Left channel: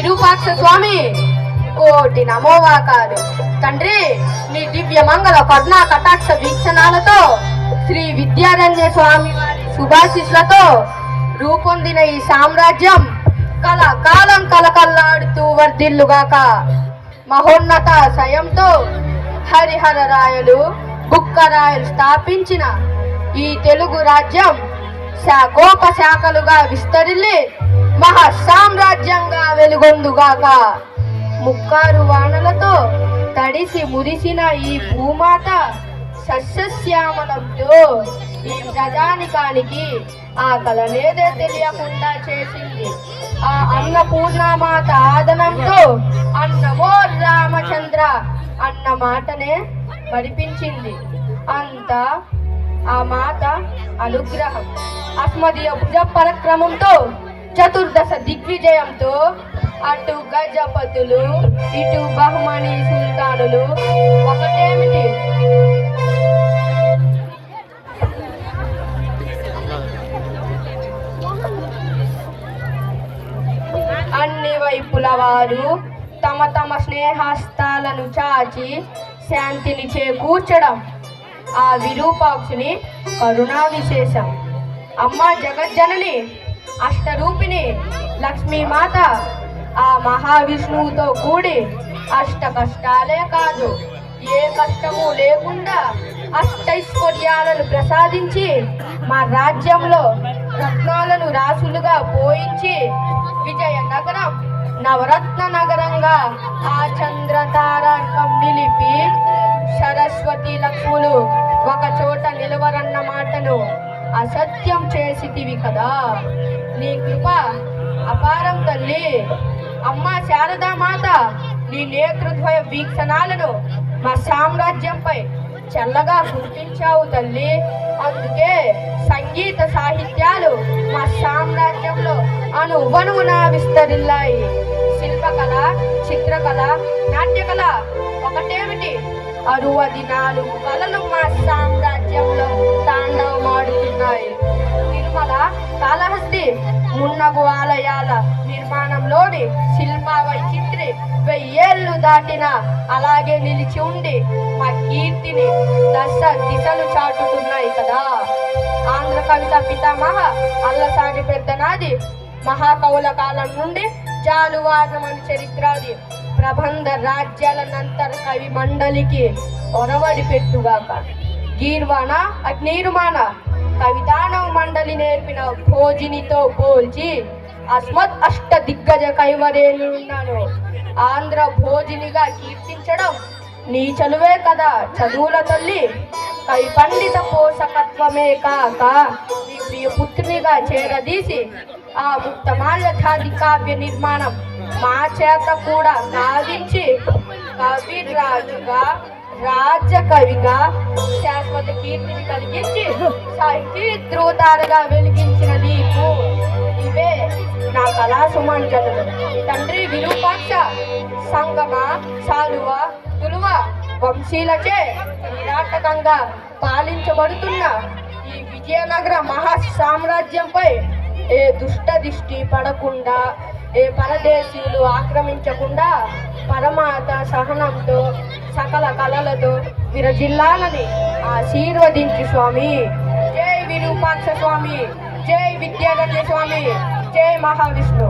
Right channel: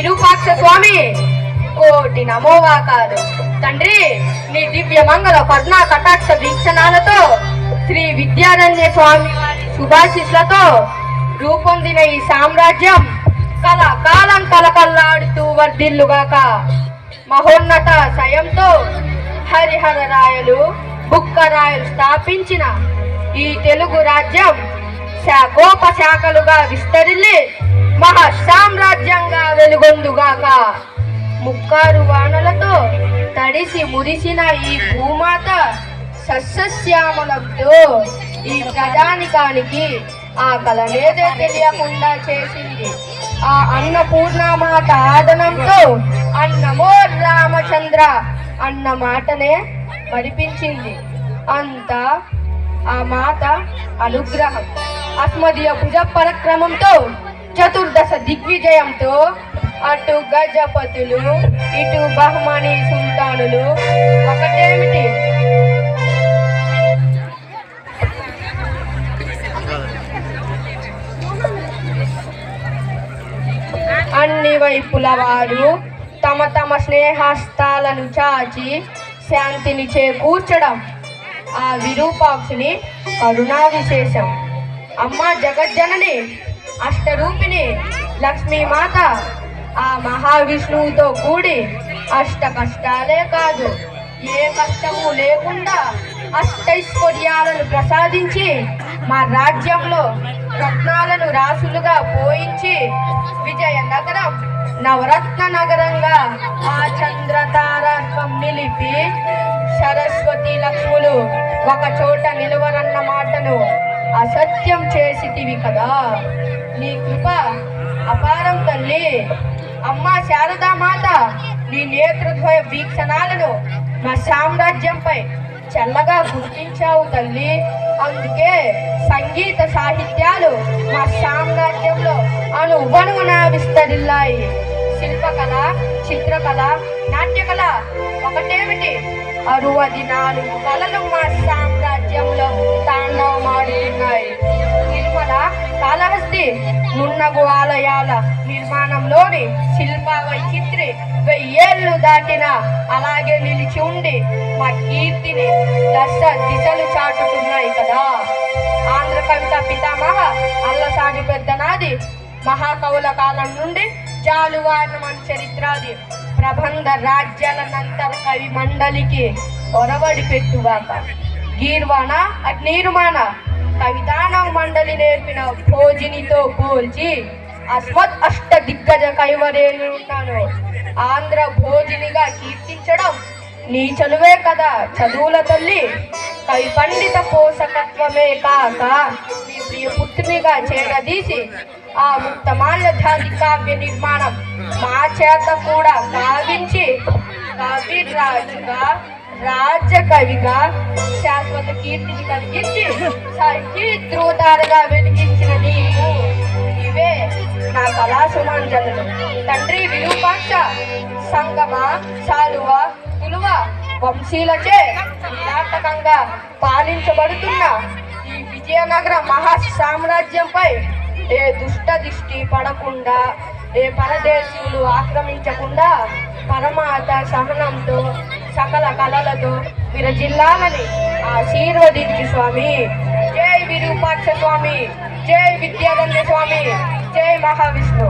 విరూపాక్ష స్వామి కోటి నమోవాకాలు. తండ్రి, నీ దివ్య మంగళ కరుణా కటాక్ష వీక్షణాలతో శ్రీ విద్యారణ్య స్వామి వారి శుభాశిస్సులతో రూపొందిన ఈ సామ్రాజ్యం కలకాలం కలకల్లాడుతూ వర్ధిల్లుగాక. మహోన్నత సయంతో హరిహర రాయలు బుక్కరాయలు స్థాపించిన ఈ తెలుగు రాజ్యం శాఖోపశాఖలుగా విస్తరిల్లి మహా సామ్రాజ్యంగా వెలుగొందుగాక. ముక్కారు వానలతో తడిసి మురిసిన ఈ భూమాత సస్యశ్యామలంతో ఈ ప్రజానికానికి ఆ కలనేదే తెలియకుండా చేసింది. ఆ అన్నపూర్ణమాత ఆదనంతో అన్నమో రామచంద్ర అన్న మాటనే మరిపించింది. అంతా ఆ మాత అనుగ్రహం. అస్మదీయ భుజ పరక్రమంతో చతుర్దశ దిగ్విజయంతో అటు గజపతులు ఇటు బహుమని సుల్తానులు ఒకటేమిటి అన్ని వైపుల వారు తమ తమ స్నేహస్తాలను చాచి శాంతిని చేకూర్చడం ఆ విరూపాక్షుని కరుణా విశేషం. అమ్మ జగజ్జనని అష్టరూపిణి లక్ష్మీమాత ఆ మహావిష్ణువుతో కూడి అష్ట కష్టాలే కాదు, ఏ కష్టము లేకుండా అష్టైశ్వర్యాలను ప్రసాదించి మా రాజ్యంలో రత్నాలను రాసులుగా పోయించి విజయనగరం నవరత్న నగరంగా ఆ చంద్రతారకం నిలిపి సరస్వతి లక్ష్ములు ఒక చోట నిలవరన్న మాటను అసత్యం చేసితివి కదా. నీ కృప అపారం తల్లి. అమ్మ శారదామాత, నీ నేతృత్వ వీక్షణాలను మా సామ్రాజ్యంపై చల్లగా గుర్తించావు తల్లి. అందుకే సంగీత సాహిత్యాలు మా సామ్రాజ్యంలో అనువనువున విస్తరిల్లాయి. శిల్పకళ, చిత్రకళ, నాట్యకళ ఒకటేమిటి 64 కళలు మా సామ్రాజ్యంలో తాండవమాడుతున్నాయి. తిరుమల, కాళహస్తి, మున్నగు ఆలయాల నిర్మాణంలోని శిల్ప వైచిత్రి 1000 ఏళ్ళు దాటిన అలాగే నిలిచి ఉండి మా కీర్తిని దశ దిశలు చాటుతున్నాయి కదా. ఆంధ్ర కవిత పితామహ అల్లసాని పెద్దనాది మహాకవుల కాలం నుండి జాలువారమణ చరిత్రాది ప్రబంధ రాజ్యాలనంతర కవి మండలికి ఒరవడి పెట్టుగాక. గీర్వాణ అగ్నిర్మాణ కవితానవ మండలి నేర్పిన భోజినితో పోల్చి అస్మత్ అష్ట దిగ్గజ కైవరేలున్నాను ఆంధ్ర భోజినిగా కీర్తించడం నీ చలువే కదా చదువుల తల్లి. కవి పండిత పోషకత్వమే కాక నీ ప్రియ పుత్రునిగా చేరదీసి ఆ ముక్తమాల్యధాది కావ్య నిర్మాణం మా చేత కూడా కావించి కవిరాజుగా రాజ్య కవిగా శాశ్వత కీర్తిని కలిగించి సాహిత్యోతారగా వెలిగించిన నీకు ఇవే నా కళా సుమాంజలు. తండ్రి విరూపాక్ష, సంగమ, సాలువ, తులువ వంశీలచే నాటకంగా పాలించబడుతున్న ఈ విజయనగర మహా సామ్రాజ్యంపై ఏ దుష్ట దిష్టి పడకుండా, ఏ పరదేశీయులు ఆక్రమించకుండా పరమాత సహనంతో సకల కళలతో విరజిల్లాలని ఆశీర్వదించు స్వామి. జై విరూపాక్ష స్వామి, జై విద్యారణ్య స్వామి, జై మహావిష్ణు.